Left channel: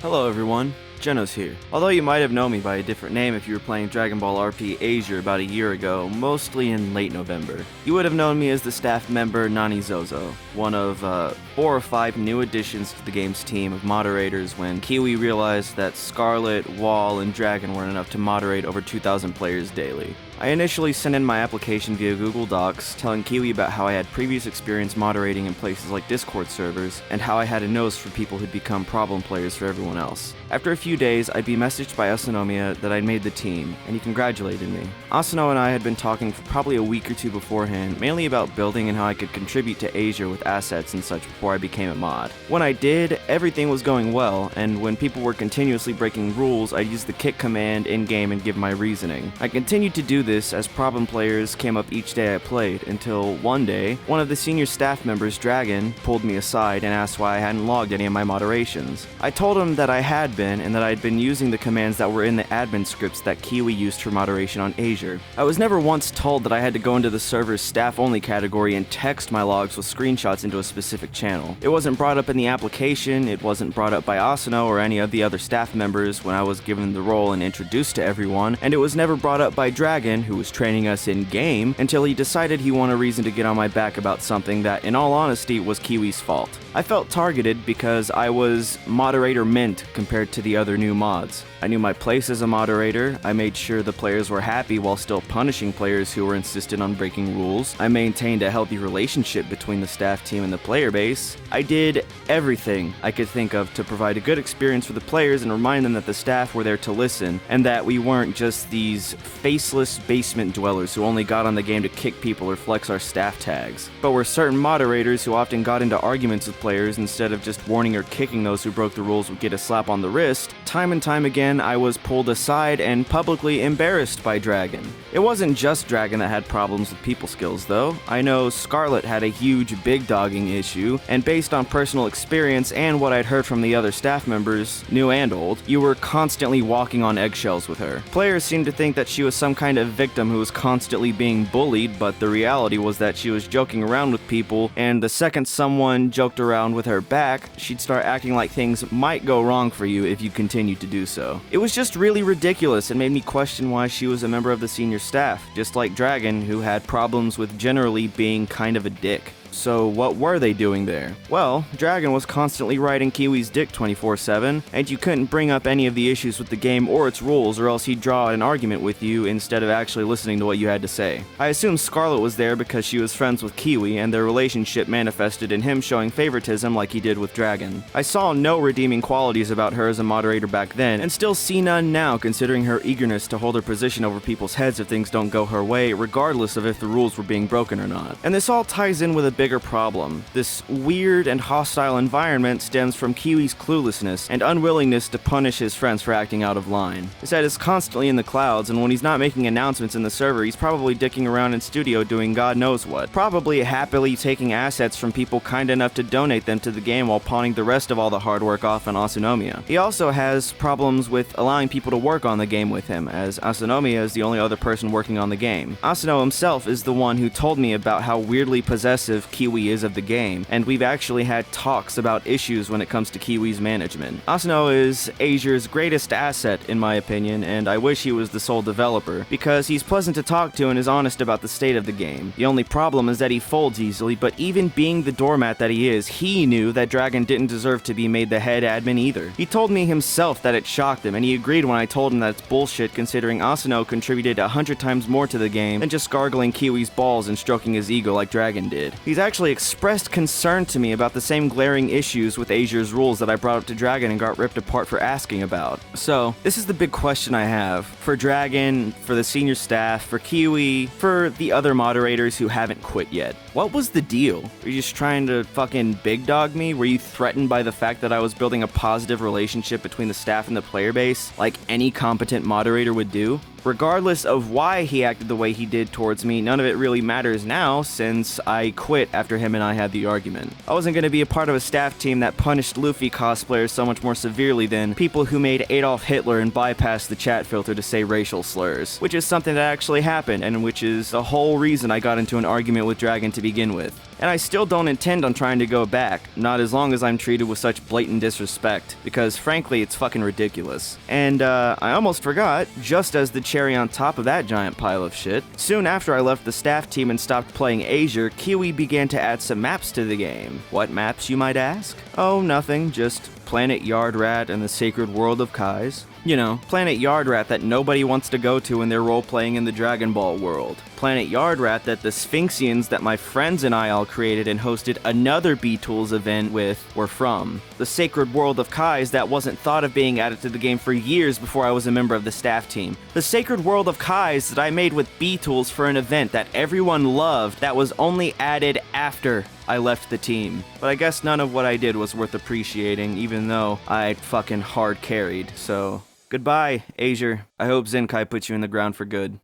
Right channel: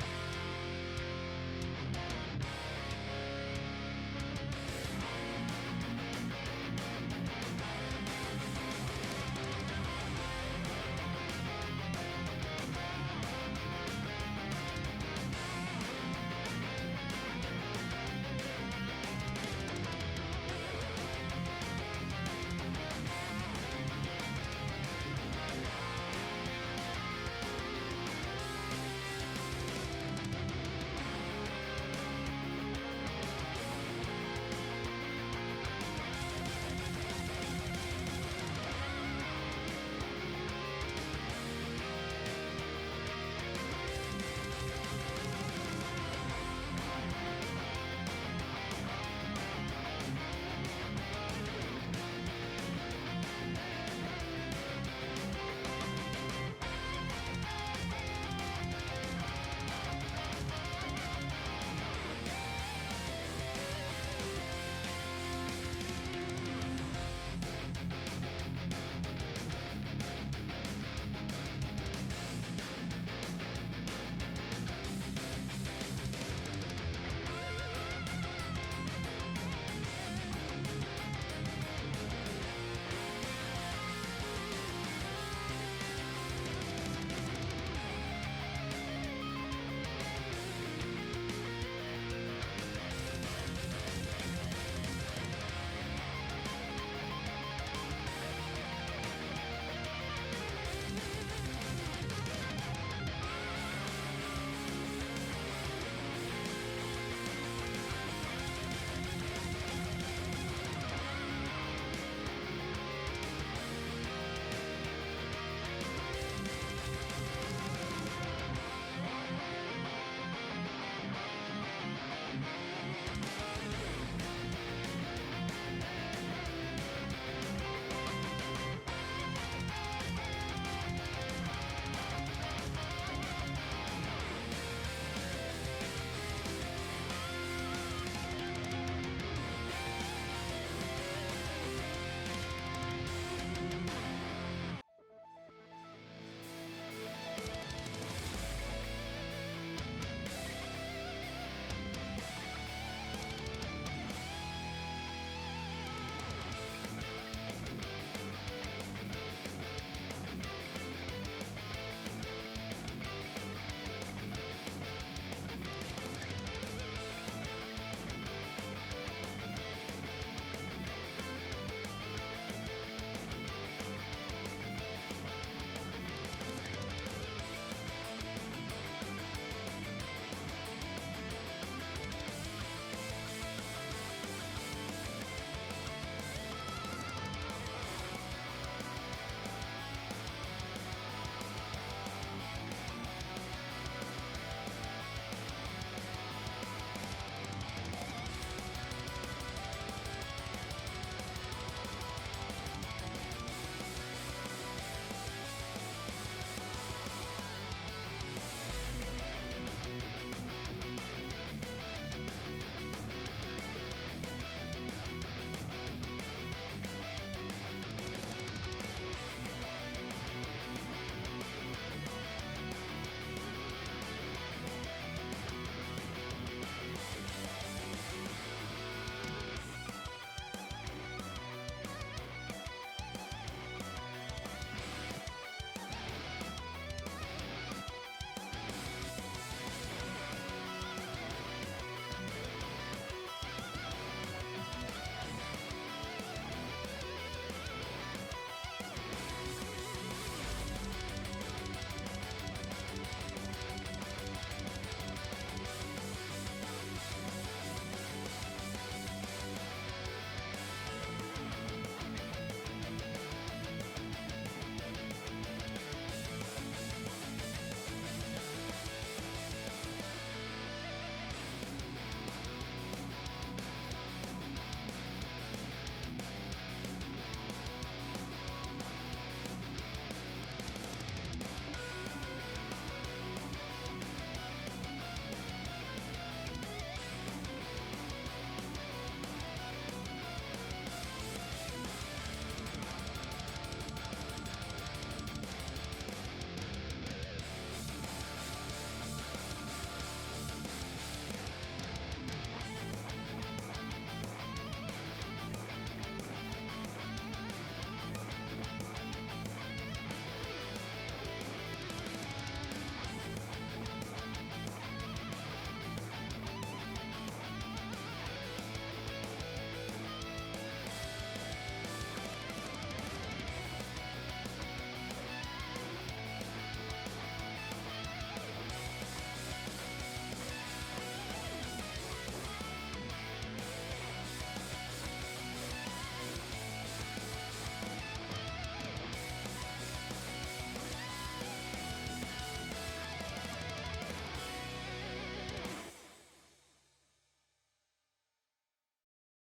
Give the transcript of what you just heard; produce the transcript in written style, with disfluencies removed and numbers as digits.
Hello everyone, Genos here. Although you might have known me by a different name if you were playing Dragon Ball RP Azure about a year ago, mostly in late November. You would have known me as the staff member Nani Zozo, one of 4 or 5 new additions to the game's team of moderators when Kiwi realized that Scarlet, Wall, and Dragon weren't enough to moderate over 2,000 players daily. I initially sent in my application via Google Docs, telling Kiwi about how I had previous experience moderating in places like Discord servers, and how I had a nose for people who'd become problem players for everyone else. After a few days, I'd be messaged by Asanomiya that I'd made the team, and he congratulated me. Asano and I had been talking for probably a week or two beforehand, mainly about building and how I could contribute to Azure with assets and such before I became a mod. When I did, everything was going well, and when people were continuously breaking rules, I'd use the kick command in-game and give my reasoning. I continued to do this as problem players came up each day I played, until one day, one of the senior staff members, Dragon, pulled me aside and asked why I hadn't logged any of my moderations. I told him that I had been, and that I'd been using the commands that were in the admin scripts that Kiwi used for moderation on Azure. I was never once told that I had to go into the server's staff-only category and text my logs with screenshots into a specific channel. It wasn't brought up in the application, it wasn't brought up by Asano or any of the other staff members when I was given the role and introduced to everyone, and it was never brought up by Dragon, who was training us in-game, until he decided he wanted a reason to get on my back about something that, in all honesty, was Kiwi's fault. I felt targeted because I was moderator mint compared to the other new mods. I knew my place as a moderator, I made sure the players were happy while still punishing players who were insistent on breaking rules, I maintained a healthy relationship between the staff team and the player base. I did everything I could think of to provide a good experience for the players and remind them that the staff were there to listen, and that we weren't just these faceless basement dwellers who only got on the game to kick people or flex our staff tags, but were certain moderators who often got into arguments with players instead of just warning or kicking those who broke the rules would get a slap on the wrist. Time and time again, I was pulled aside and publicly embarrassed by Dragon. It wasn't just Dragon that had problems with people skills, though. I know Scarlet had a huge big dogging issue, and based on personal experience and what I'd heard from the other staff members, new and old, you were constantly walking on eggshells with her. Players seemed to think that she was some kind of victim who was constantly being bullied, but the reality was that she was joking around with people, and the second someone joked around with her back, she'd start acting like things might go wrong for you if you continued to do so. It was just really ridiculous and made me question why she was a member of the senior staff, just like Dragon, who had problems with generally being kind of a dick. So what were they doing there? Well, Dragon was constantly riding Kiwi's dick 24/7, and you couldn't bring up any of the issues with the game or its rules, or else he'd draw an argument with you instead of actually listening to what you had to say. I assume Scarlet was there because she was friends with Kiwi, and their relationship manifested in him showing favoritism like he did with Dragon. I saw no redeeming qualities about her as a moderator back then, and still see none now considering her eagerness to hold her position over people's heads if things don't go her way, regardless of if the rules were being broken or not. And this all ties in with a bigger problem. This weird and hostile environment stems from Kiwi's cluelessness and unwillingness to punish his friends for acting out of line. His head is constantly in the clouds, and when he's not making announcements in the server, he's probably dicking around in studio doing God knows what. Probably happily taking assets from people kind enough to donate them to the game while pawning the rest of all the hard work off on Asanomiya. He also has problems with allowing people to work on the game with him, as Asanomiya is the only other person working on the game. Asano himself is the one who told me about how weirdly possessive Kiwi is of the game, and we've actually had talks about issues when it comes to Kiwi's management. Asano is Azure's greatest asset in my opinion, and I wish he was the sole developer, because he's pleasant to talk to and is honest about the state of the game. The only problem is that he folds easily, but even being the doormat that he is, he knew that Dragon didn't deserve to be made the head admin either. He told me himself that it shocked him, and he agreed when I told him that it's bullshit considering Asano contributed 100 times more to the game than just gargling Kiwi's balls and stroking his ego like Dragon did. He's actually expressed concern to me about the same glaring issues with Azure's rules that I brought up to Dragon and got ripped apart for asking about. So, this is the big question I have. For Dragon, for the senior staff, for Kiwi, for the other moderators who haven't quit yet. What was the deal? Were you just trying to fucking big dog me? Were you threatened by the fact that I was building a positive relationship between the staff and the player base, like any competent moderator would do? Regardless of why he acted the way he did towards me, none of it really matters now, since I quit quit after him and I had the argument. I wasn't going to be a part of a staff team that punished Luffy cosplayers so much more severely than people who made Adolf Hitler and bypassed the chat filter to say racial slurs, which is something that actually happened and which is the whole reason I got into an argument with Dragon to begin with. And I still don't intend on trying to go back, not as long as I'm treated with such blatant disrespect, because frankly it's fucking ridiculous. And I almost forgot, just as the cherry on top of that giant pile of shit, soon after I left the staff team and stopped playing Azure, Kiwi began to add some maps to the game. What maps, you might ask? Oh, nothing, just Planet Yardrat and the Sacred World of Kais. You know, Planet Yardrat that nobody wants to go to when they're role-playing in the Dragon Ball world. Planet Yardrat that the Sphinxians that my friends and I all created and hosted another btools event with were from. The Sacred World of Kais that wasn't thought of being added to the game for years before I was a member of the staff team. The Sacred World of Kais that I made with btools for an event that everyone loved that was only added after I left the team. But I guess none of what I did was worth appreciating, even though I fucking hard carried, so goodbye, Azure. I hope Zenkai puts you in the ground for good.